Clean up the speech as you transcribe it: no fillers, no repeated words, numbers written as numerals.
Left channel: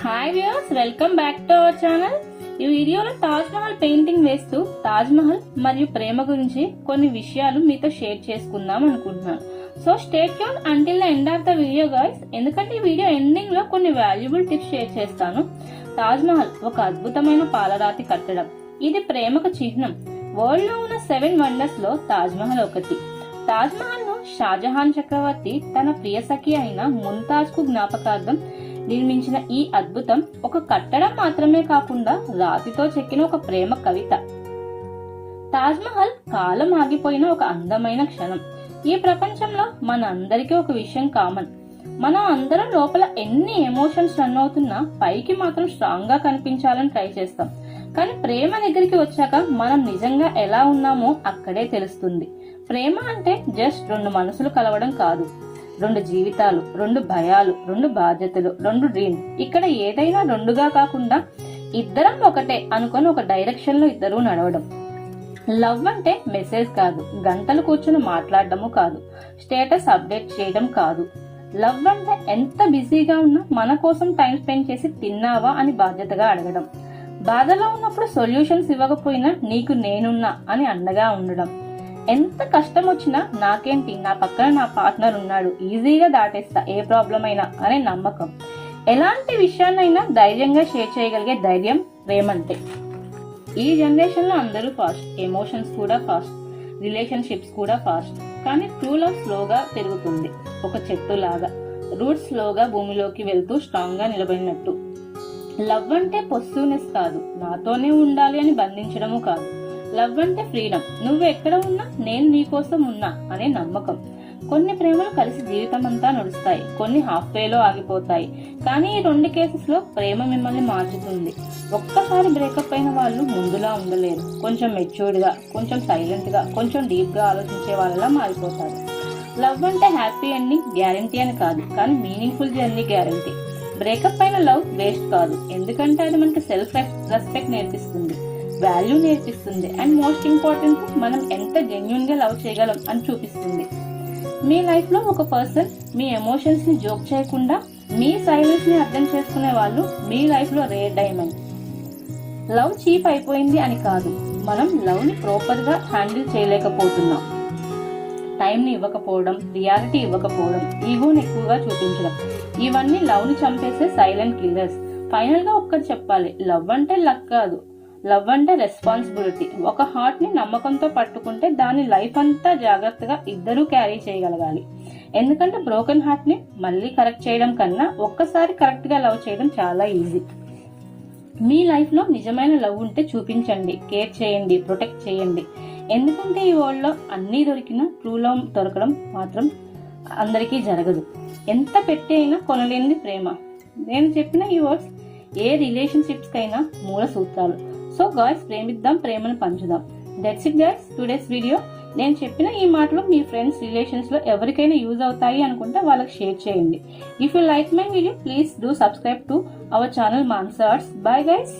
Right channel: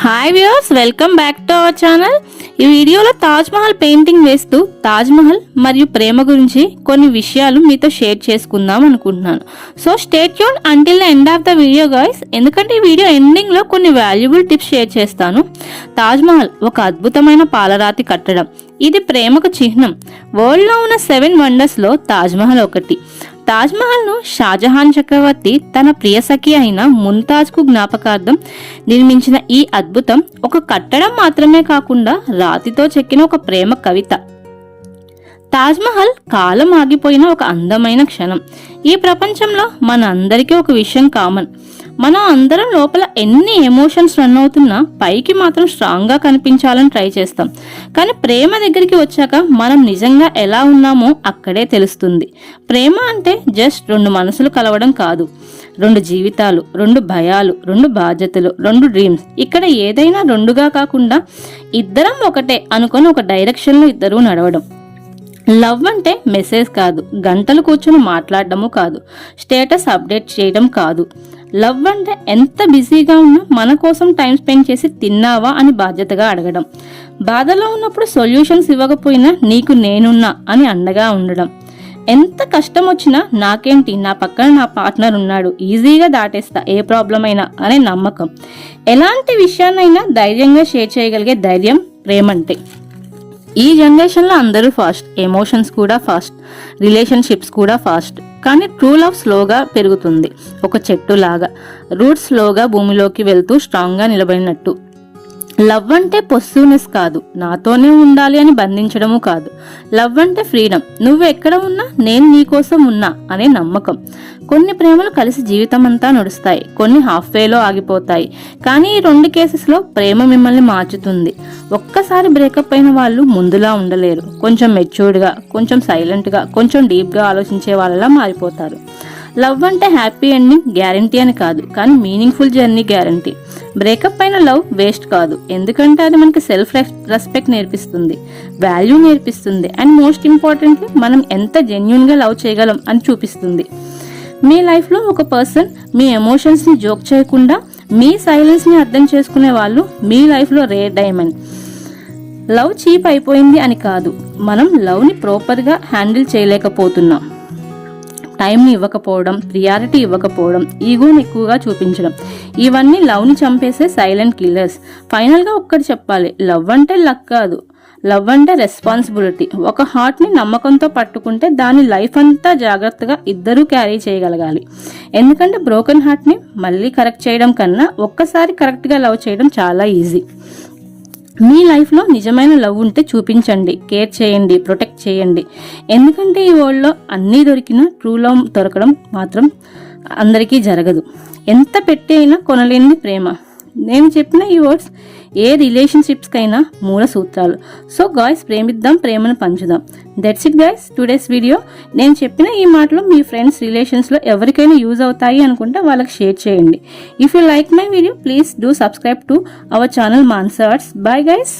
Hi viewers, welcome back to our channel. ఈ వీడియోలో Taj Mahal painting వేస్తూ తాజ్ మహల్ మరియు ప్రేమ గురించి కొన్ని విషయాలు మీతో షేర్ చేసుకుందాం అనుకుంటున్నాను. So stay tune until the end of the video guys, ఎందుకంటే ఈ వీడియో ఎండింగ్లో కొన్ని వాల్యుబుల్ టిప్స్ షేర్ చేస్తాను. తాజ్ మహల్ ఒక అద్భుతమైన పాలరాతి కట్టడం. ఇది ప్రేమకు చిహ్నం. వరల్డ్లో ఉన్న 7 వండర్స్లో తాజ్ మహల్ ఒకటి. తాజ్ మహల్ ను షాజహాన్ చక్రవర్తి తన ప్రియ సఖి అయిన ముంతాజ్ కు జ్ఞాపకార్థం నిర్మించిన ఈ అద్భుతం ఒక కట్టడం మాత్రమే కాకుండా రాతితో చెక్కిన ఒక ప్రేమ కవిత. తాజ్ మహల్ కాలం ఆగిపోయిన ఒక అందమైన క్షణం. ఈ ప్రపంచంలో మన అందరికీ ఒక విషయం కామన్. మనం అందరం లోపల ఎన్ని ఎమోషన్స్ రన్ అవుతున్నా పైకి మాత్రం స్ట్రాంగ్ గా కనిపించాలని ట్రై చేస్తాం. కానీ ప్రేమ దగ్గరికి వచ్చాక మనం నిజంగా ఎలా ఉన్నామో అక్కడే తెలుస్తుంది. ప్రేమ అంటే జస్ట్ 2 మనసులు కలవడం కాదు. 2 జీవితాలు, 2 భయాలు, 2 బాధ్యతలు, 2 డ్రీమ్స్. ఇక్కడ ఏదైనా 2గా కాకుండా ఇద్దరం ఒకటే అనుకొని ఒక డైరెక్షన్ లో ఇద్దరు నడవడం. లవ్ అంటే మెసేజ్ కాదు, గంటలు కూర్చొని మాట్లాడడము కాదు, స్టేటస్ అప్డేట్ చేయడం కాదు. లవ్ అంటే ఎంత బిజీగా ఉన్నా మన కోసం టైం స్పెండ్ చేసి తిన్నావా అని బాధ్యతగా అడగడం. బాధలో ఉన్నప్పుడు సొల్యూషన్స్ ఇవ్వకపోయినా నీకు నేనున్నా అని అండగా ఉండడం. ఎంత కష్టం వచ్చినా నాకేంటి, నా పక్కన నా పార్ట్నర్ ఉన్నాడు, ఈజీగా దాటేస్తా ఏ ప్రాబ్లం అయినా అనే నమ్మకం. ఎలాంటి విషయాన్నైనా ధైర్యంగా షేర్ చేయగలిగే ధైర్యం ప్రేమంటే. ఈ జనరేషన్లో అందరూ ఫాస్ట్, ఎమోషన్స్ కూడా ఫాస్ట్, రిలేషన్షిప్స్ కూడా ఫాస్ట్. కానీ ట్రూ లవ్ స్లోగా పెరుగుతుంది, ఒక చెట్టు లాగా. రూట్స్ స్లోగా భూమిలోకి వెళ్తూ స్ట్రాంగ్గా నిలబడినట్టు. లవ్ అంటే పొస్సివ్నెస్ కాదు, నాతోనే ఉండాలి అని బంధించడము కాదు. లవ్ అంటే ఫ్రీడమ్. నువ్వు ఎక్కడ ఉన్నా నేను నీకోసం ఉన్నా అనే నమ్మకం. కొన్ని ప్రేమలు కలిసి జీవితం అంతా నడుస్తాయి, కొన్ని హాఫ్ వేలో ఆగిపోతాయి. కానీ ఈ 2 కేసెస్లో ప్రేమ మిమ్మల్ని మార్చుతుంది. ఒక్కసారి బ్రేకప్ అయిన వాళ్ళు ముందులా ఉండలేరు. కొంచెం మెచ్యూర్డ్గా, కొంచెం సైలెంట్గా, కొంచెం డీప్గా ఆలోచించే వాళ్ళలా మారిపోతారు. లవ్ అంటే హ్యాపీ ఎండింగ్ గ్యారంటీ అని కాదు, కానీ మీనింగ్ఫుల్ జర్నీ గ్యారంటీ. బ్రేకప్ అయిన లవ్ వేస్ట్ కాదు, ఎందుకంటే అది మనకి సెల్ఫ్ రెస్పెక్ట్ నేర్పిస్తుంది, వాల్యూ నేర్పిస్తుంది, అండ్ మోస్ట్ ఇంపార్టెంట్లీ మనం ఎంత జెన్యూన్గా లవ్ చేయగలం అని చూపిస్తుంది. మీ లైఫ్లో ఒక పర్సన్ మీ ఎమోషన్స్ని జోక్ చేయకుండా మీ సైలెన్స్ని అర్థం చేసుకునే వాళ్ళు మీ లైఫ్లో రేర్ డైమండ్. లవ్ చీప్ అయిపోయింది అని కాదు, మనం లవ్ని ప్రాపర్గా హ్యాండిల్ చేయలేకపోతున్నాం. టైంని ఇవ్వకపోవడం, ప్రియారిటీ ఇవ్వకపోవడం, ఈగోని ఎక్కువగా చూపించడం, ఇవన్నీ లవ్ని చంపేసే సైలెంట్ కిల్లర్స్. ఫైనల్గా ఒక్కటి చెప్పాలి, లవ్ అంటే లక్ కాదు, లవ్ అంటే రెస్పాన్సిబిలిటీ. ఒక హార్ట్ని నమ్మకంతో పట్టుకుంటే దాని లైఫ్ అంతా జాగ్రత్తగా ఇద్దరూ క్యారీ చేయగలగాలి. ఎందుకంటే బ్రోకెన్ హార్ట్ని మళ్ళీ కరెక్ట్ చేయడం కన్నా ఒక్కసారి కరెక్ట్గా లవ్ చేయడం చాలా ఈజీ. మీ లైఫ్లో నిజమైన లవ్ ఉంటే చూపించండి, కేర్ చేయండి, ప్రొటెక్ట్ చేయండి. ఎందుకంటే ఈ వరల్డ్లో అన్నీ దొరికినా ట్రూ లవ్ దొరకడం మాత్రం అందరికీ జరగదు. ఎంత పెట్టి అయినా కొనలేని ప్రేమ. నేను చెప్పిన ఈ వర్డ్స్ ఏ రిలేషన్షిప్స్కైనా మూల సూత్రాలు. సో గాయ్స్, ప్రేమిద్దాం, ప్రేమను పంచుదాం. That's it guys, today's video. నేను చెప్పిన ఈ మాటలు మీ ఫ్రెండ్స్, రిలేషన్స్లో ఎవరికైనా యూజ్ అవుతాయి అనుకుంటే వాళ్ళకి షేర్ చేయండి. If you like my video, please do subscribe to our channel Mansa Arts. Bye guys.